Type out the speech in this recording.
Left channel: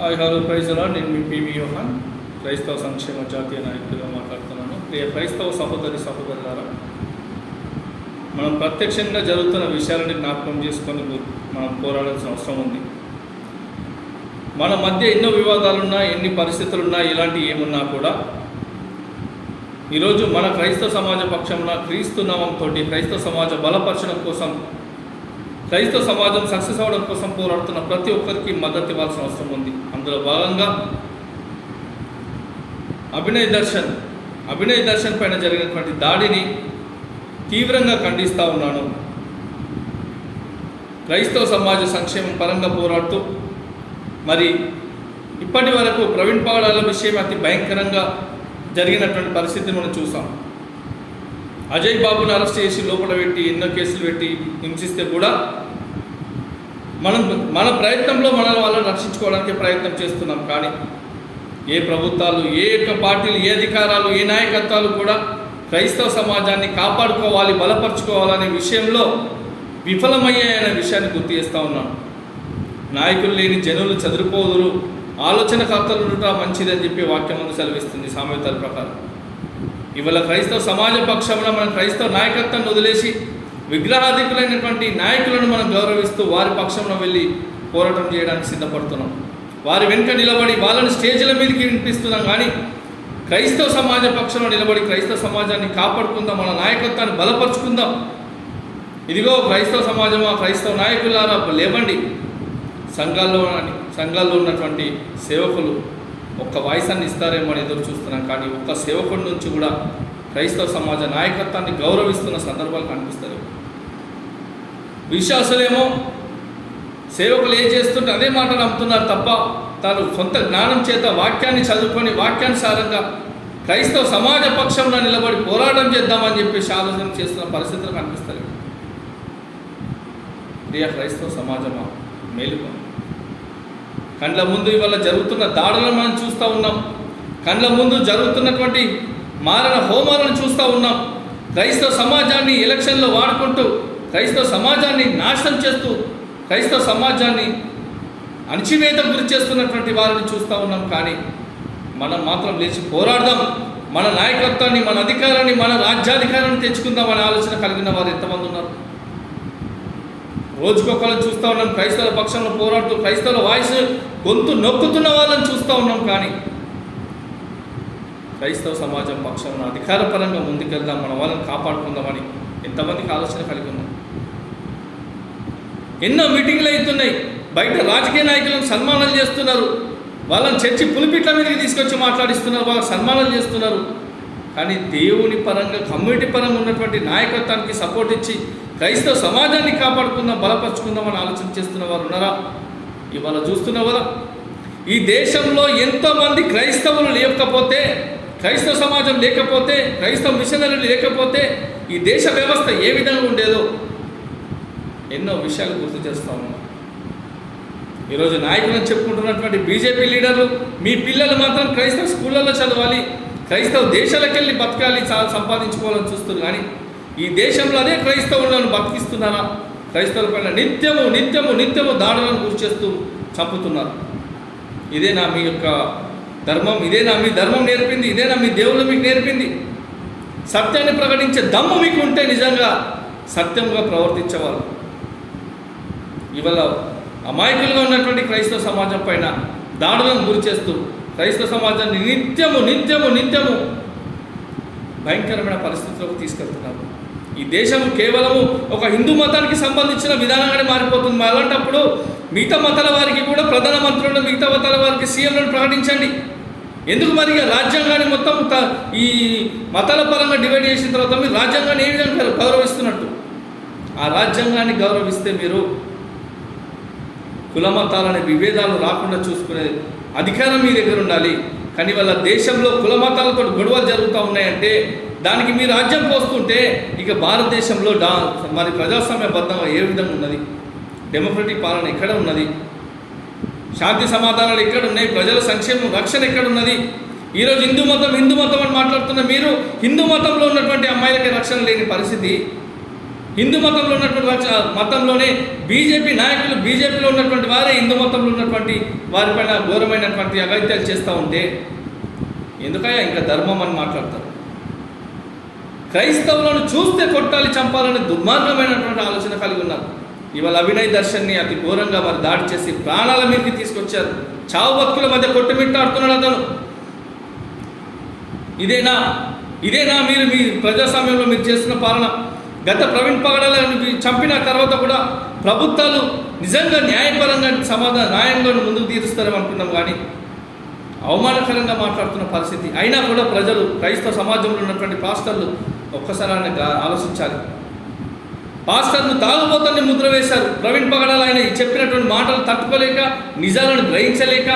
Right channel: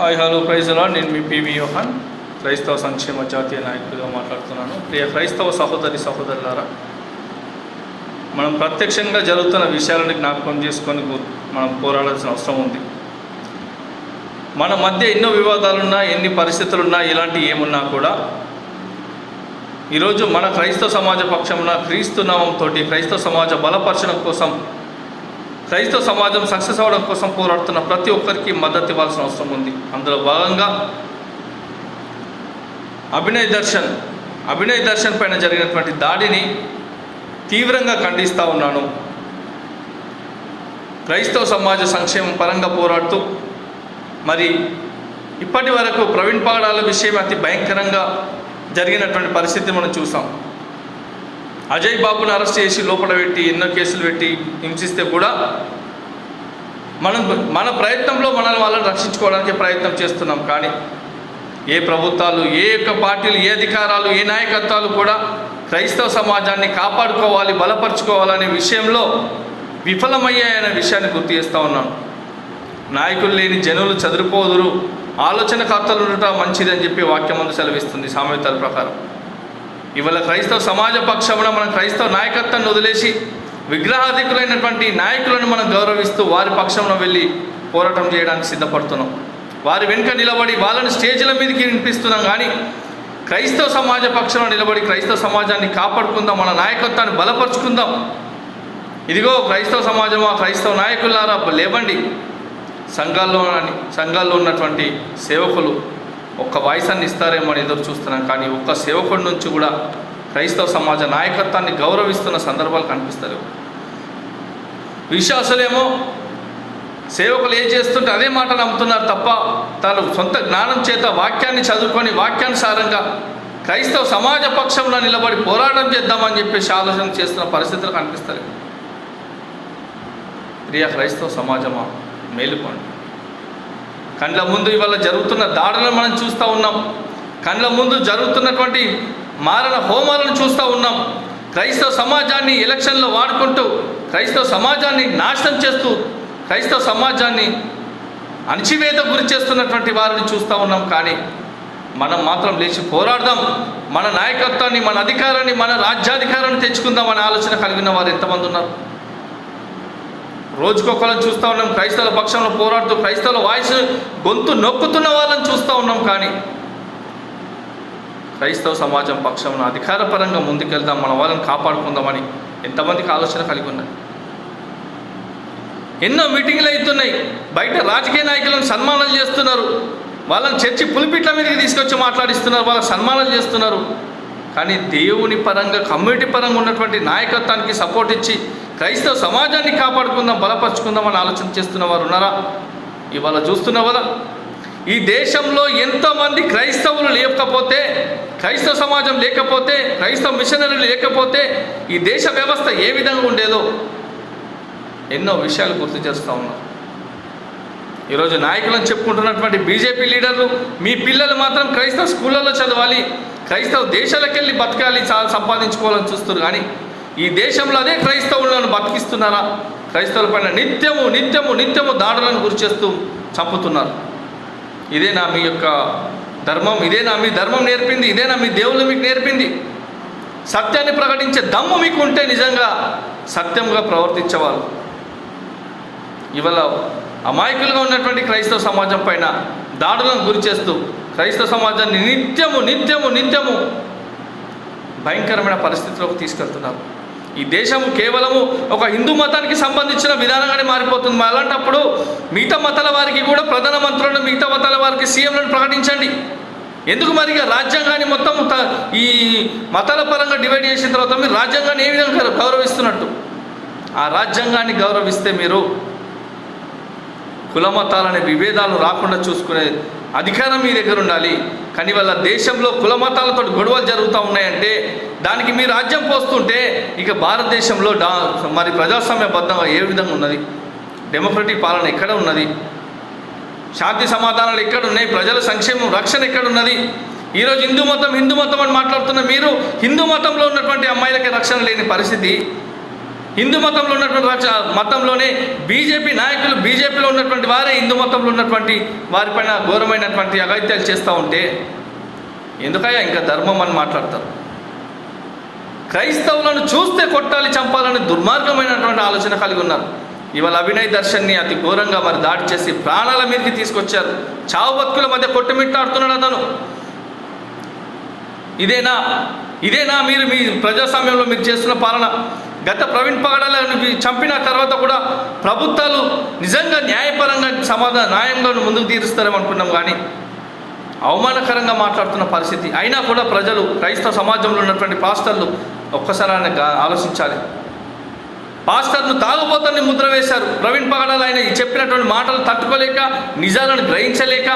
Hi hello praise lord. నేను మీ PV యోహాన్, క్రైస్తవ సంక్షేమ జాతీయ నాయకుడిగా మాట్లాడుతున్నాను. ప్రియ క్రైస్తవ సహోదరులారా, మనం ప్రత్యక్షంగా జరుగుతున్న విషయాలను జ్ఞాపకం చేసుకొని మనం పోరాడాల్సిన అవసరం ఉంది. మన మధ్య ఎన్నో వివాదాలున్నా, ఎన్ని పరిస్థితులున్నా, ఇలాంటి ఏమున్నా కూడా ఈరోజు మన క్రైస్తవ సమాజ పక్షంలో క్రీస్తు నామంతో క్రైస్తవ సమాజ బలపరచడం కోసం, క్రైస్తవ సమాజం సక్సెస్ అవ్వడం కోసం పోరాడుతున్న ప్రతి ఒక్కరికి మద్దతు ఇవ్వాల్సిన అవసరం ఉంది. అందులో భాగంగా అభినయ్ దర్శన్ పైన జరిగినటువంటి దాడిని తీవ్రంగా ఖండిస్తూ ఉన్నాను. క్రైస్తవ సమాజ సంక్షేమం పరంగా పోరాడుతూ మరి ఇప్పటి వరకు ప్రవీణ్ పగడాల విషయం అతి భయంకరంగా జరిగినటువంటి పరిస్థితి మనం చూసాం. అజయ్ బాబుని అరెస్ట్ చేసి లోపల పెట్టి ఎన్నో కేసులు పెట్టి హింసిస్తే కూడా మన ప్రయత్నంలో వాళ్ళని రక్షించుకోవడానికి ప్రయత్నం చేస్తున్నాం. కానీ ఏ ప్రభుత్వాలు, ఏ యొక్క పార్టీలు, ఏ అధికారాలు, ఏ నాయకత్వాలు కూడా క్రైస్తవ సమాజాన్ని కాపాడుకోవాలి, బలపరుచుకోవాలనే విషయంలో విఫలమయ్యాయనే విషయాన్ని గుర్తు చేస్తూ ఉన్నాను. నాయకులు లేని జనులు చదురుకోదురు, ఆలోచనకర్తలు ఉండటం మంచిది అని చెప్పి వాక్యం ముందు సెలవిస్తుంది సామెతల ప్రకారం. ఇవాళ క్రైస్తవ సమాజ పక్షమున మనం క్రైస్తవ నాయకత్వాన్ని వదిలేసి విగ్రహాధికులైనటువంటి నాయకులను మనం గౌరవిస్తూ వారి పక్షమున వెళ్ళి పోరాటం చేయడానికి సిద్ధపడుతున్నాం. వారి వెనుక నిలబడి వాళ్ళని స్టేజ్ల మీదకి వినిపిస్తున్నాం. కానీ క్రైస్తవ సమాజ పక్షంలో నిలబడి క్రైస్తవ సమాజాన్ని కాపాడుకుందాం, మన నాయకత్వాన్ని బలపరుచుకుందాం. ఇదిగో క్రైస్తవ సమాజమా, క్రైస్తవ నాయకులారా లేవండి. సంఘాల్లో ఉన్నటువంటి సేవకులు ఒక్క వాయిస్ అన్ని ఇస్తారేమో అని ఎదురు చూస్తున్నాం. కానీ ఒక్క సేవకుడి నుంచి కూడా క్రైస్తవ సమాజ నాయకత్వాన్ని గౌరవిస్తున్న సందర్భాలు కనిపిస్తారు. విశ్వాసులేమో సేవకులు ఏం చేస్తుంటే అదే మాట నమ్ముతున్నారు తప్ప తాను సొంత జ్ఞానం చేత వాక్యాన్ని చదువుకొని వాక్యానుసారంగా క్రైస్తవ సమాజ పక్షంలో నిలబడి పోరాటం చేద్దామని చెప్పేసి ఆలోచన చేస్తున్న పరిస్థితులు కనిపిస్తారు. ప్రియ క్రైస్తవ సమాజమా, మేలుకోండి. కండ్ల ముందు ఇవాళ జరుగుతున్న దాడులను మనం చూస్తూ ఉన్నాం. కండ్ల ముందు జరుగుతున్నటువంటి మారణ హోమాలను చూస్తూ ఉన్నాం. క్రైస్తవ సమాజాన్ని ఎలక్షన్లో వాడుకుంటూ క్రైస్తవ సమాజాన్ని నాశనం చేస్తూ క్రైస్తవ సమాజాన్ని అణచివేత గురి చేస్తున్నటువంటి వారిని చూస్తూ ఉన్నాం. కానీ మనం మాత్రం లేచి పోరాడదాం, మన నాయకత్వాన్ని, మన అధికారాన్ని, మన రాజ్యాధికారాన్ని తెచ్చుకుందాం అనే ఆలోచన కలిగిన వారు ఎంతమంది ఉన్నారు? రోజుకొకళ్ళని చూస్తూ ఉన్నాం. క్రైస్తవుల పక్షంలో పోరాడుతూ క్రైస్తవుల వాయిస్ గొంతు నొక్కుతున్న వాళ్ళని చూస్తూ ఉన్నాం. కానీ క్రైస్తవ సమాజం పక్షంలో అధికారపరంగా ముందుకెళ్దాం, మన వాళ్ళని కాపాడుకుందామని ఎంతమందికి ఆలోచన కలిగి ఉన్నాయి? ఎన్నో మీటింగ్లు అవుతున్నాయి. బయట రాజకీయ నాయకులను సన్మానాలు చేస్తున్నారు, వాళ్ళని చర్చి పులిపిట్ల మీదకి తీసుకొచ్చి మాట్లాడిస్తున్నారు, వాళ్ళకి సన్మానాలు చేస్తున్నారు. కానీ దేవుని పరంగా, కమ్యూనిటీ పరంగా ఉన్నటువంటి నాయకత్వానికి సపోర్ట్ ఇచ్చి క్రైస్తవ సమాజాన్ని కాపాడుకుందాం, బలపరుచుకుందాం అని ఆలోచన చేస్తున్న వారు ఉన్నారా? ఇవాళ చూస్తున్నావు కదా, ఈ దేశంలో ఎంతోమంది క్రైస్తవులు లేకపోతే, క్రైస్తవ సమాజం లేకపోతే, క్రైస్తవ మిషనరీలు లేకపోతే ఈ దేశ వ్యవస్థ ఏ విధంగా ఉండేదో ఎన్నో విషయాలు గుర్తు చేస్తూ ఉన్నాం. ఈరోజు నాయకులను చెప్పుకుంటున్నటువంటి బీజేపీ లీడర్లు మీ పిల్లలు మాత్రం క్రైస్తవ స్కూళ్ళల్లో చదవాలి, క్రైస్తవ దేశాలకు వెళ్ళి బతకాలి, సంపాదించుకోవాలని చూస్తున్నారు. కానీ ఈ దేశంలో అదే క్రైస్తవులను బతికిస్తున్నారా? క్రైస్తవుల పైన నిత్యము దాడులను గురి చేస్తూ చంపుతున్నారు. ఇదేనా మీ యొక్క ధర్మం? ఇదేనా మీ ధర్మం నేర్పింది? ఇదేనా మీ దేవుళ్ళు మీకు నేర్పింది? సత్యాన్ని ప్రకటించే దమ్ము మీకు ఉంటే నిజంగా సత్యంగా ప్రవర్తించేవారు. ఇవాళ అమాయకులుగా ఉన్నటువంటి క్రైస్తవ సమాజం పైన దాడులను గురి చేస్తూ క్రైస్తవ సమాజాన్ని నిత్యము భయంకరమైన పరిస్థితిలోకి తీసుకెళ్తున్నారు. ఈ దేశం కేవలము ఒక హిందూ మతానికి సంబంధించిన విధానంగానే మారిపోతుంది. అలాంటప్పుడు మిగతా మతాల వారికి కూడా ప్రధానమంత్రులను, మిగతా మతాల వారికి సీఎంలను ప్రకటించండి. ఎందుకు మరి రాజ్యాంగాన్ని మొత్తం ఈ మతాల పరంగా డివైడ్ చేసిన తర్వాత మీరు రాజ్యాంగాన్ని ఏ విధంగా గౌరవిస్తున్నట్టు? ఆ రాజ్యాంగాన్ని గౌరవిస్తే మీరు కుల మతాలనే విభేదాలు రాకుండా చూసుకునే అధికారం మీ దగ్గర ఉండాలి. కానీ వాళ్ళ దేశంలో కుల మతాలతో గొడవలు జరుగుతూ ఉన్నాయంటే దానికి మీ రాజ్యం పోస్తుంటే ఇక భారతదేశంలో మరి ప్రజాస్వామ్యబద్ధంగా ఏ విధంగా ఉన్నది? డెమోక్రటిక్ పాలన ఎక్కడ ఉన్నది? శాంతి సమాధానాలు ఎక్కడ ఉన్నాయి? ప్రజల సంక్షేమం, రక్షణ ఎక్కడ ఉన్నది? ఈరోజు హిందూ మతం అని మాట్లాడుతున్న మీరు హిందూ మతంలో ఉన్నటువంటి అమ్మాయిలకి రక్షణ లేని పరిస్థితి హిందూ మతంలో ఉన్నటువంటి మతంలోనే బీజేపీ నాయకులు, బీజేపీలో ఉన్నటువంటి వారే హిందూ మతంలో ఉన్నటువంటి వారిపైన ఘోరమైనటువంటి అఘాయిత్యాలు చేస్తూ ఉంటే ఎందుకయ్యా ఇంకా ధర్మం అని మాట్లాడతారు? క్రైస్తవులను చూస్తే కొట్టాలి, చంపాలని దుర్మార్గమైనటువంటి ఆలోచన కలిగి ఉన్నారు. ఇవాళ అభినయ్ దర్శన్ని అతి ఘోరంగా మరి దాడి చేసి ప్రాణాల మీదకి తీసుకొచ్చారు. చావు బతుకుల మధ్య కొట్టుమిట్టాడుతున్నాడు అతను. ఇదేనా మీరు మీ ప్రజాస్వామ్యంలో మీరు చేస్తున్న పాలన? గత ప్రవీణ్ పగడాలను చంపిన తర్వాత కూడా ప్రభుత్వాలు నిజంగా న్యాయపరంగా న్యాయంలో ముందుకు తీరుస్తారేమో అనుకున్నాం, కానీ అవమానకరంగా మాట్లాడుతున్న పరిస్థితి. అయినా కూడా ప్రజలు, క్రైస్తవ సమాజంలో ఉన్నటువంటి పాస్టర్లు ఒక్కసారి ఆలోచించాలి. పాస్టర్ను తాగుబోతల్ని ముద్ర వేశారు. ప్రవీణ్ పగడాలు ఆయన చెప్పినటువంటి మాటలు తట్టుకోలేక, నిజాలను గ్రహించలేక